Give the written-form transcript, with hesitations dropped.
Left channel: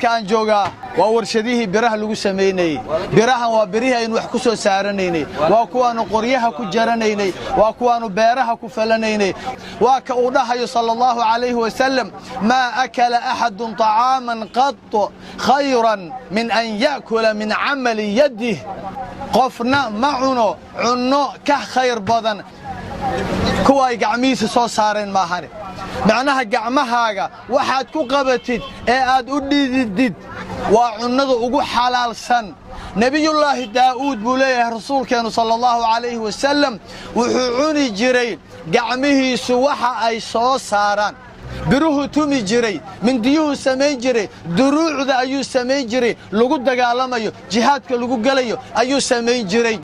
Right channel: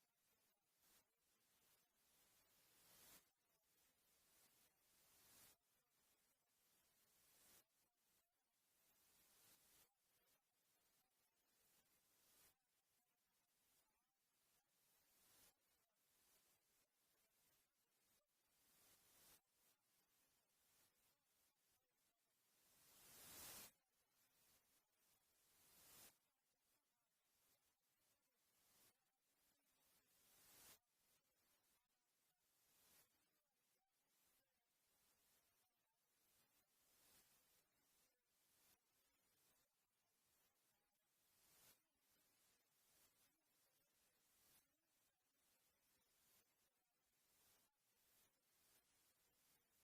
halkaan joogaa waa warshadihii biraha lagu sameeyay birahan waa birihi aynu wax ku soo saaranaynay waa kuwaanu qoryaha ku jaranaynay waa kuwaanu beeraha ku falanaynay waa ka uu dhahayo sallallahu alayhi wa sallam ma akala ahadun ta'aman qat khayran min an yakula min amali yadihi qofna ma cuno ka khayr badan kuwa ay gacmihiisa soo saareen maahan macnaha gacmahaaga waxaad ku qabatid ee aad u dhididid waa cunnada ugu xalaalsan nabiyullaahi daa'uud buu leeyahay rasuulkeenu sallallahu alayhi wa sallam wuxuu cuni jiray gacmihiisu waxa ay soo saaraan biruhu tumi jiray mindiyuhu sameyn jiray duruucda ayuu sameyn jiray lagu dagaalamayo jihaadka lagu galayo ayuu sameyn jiray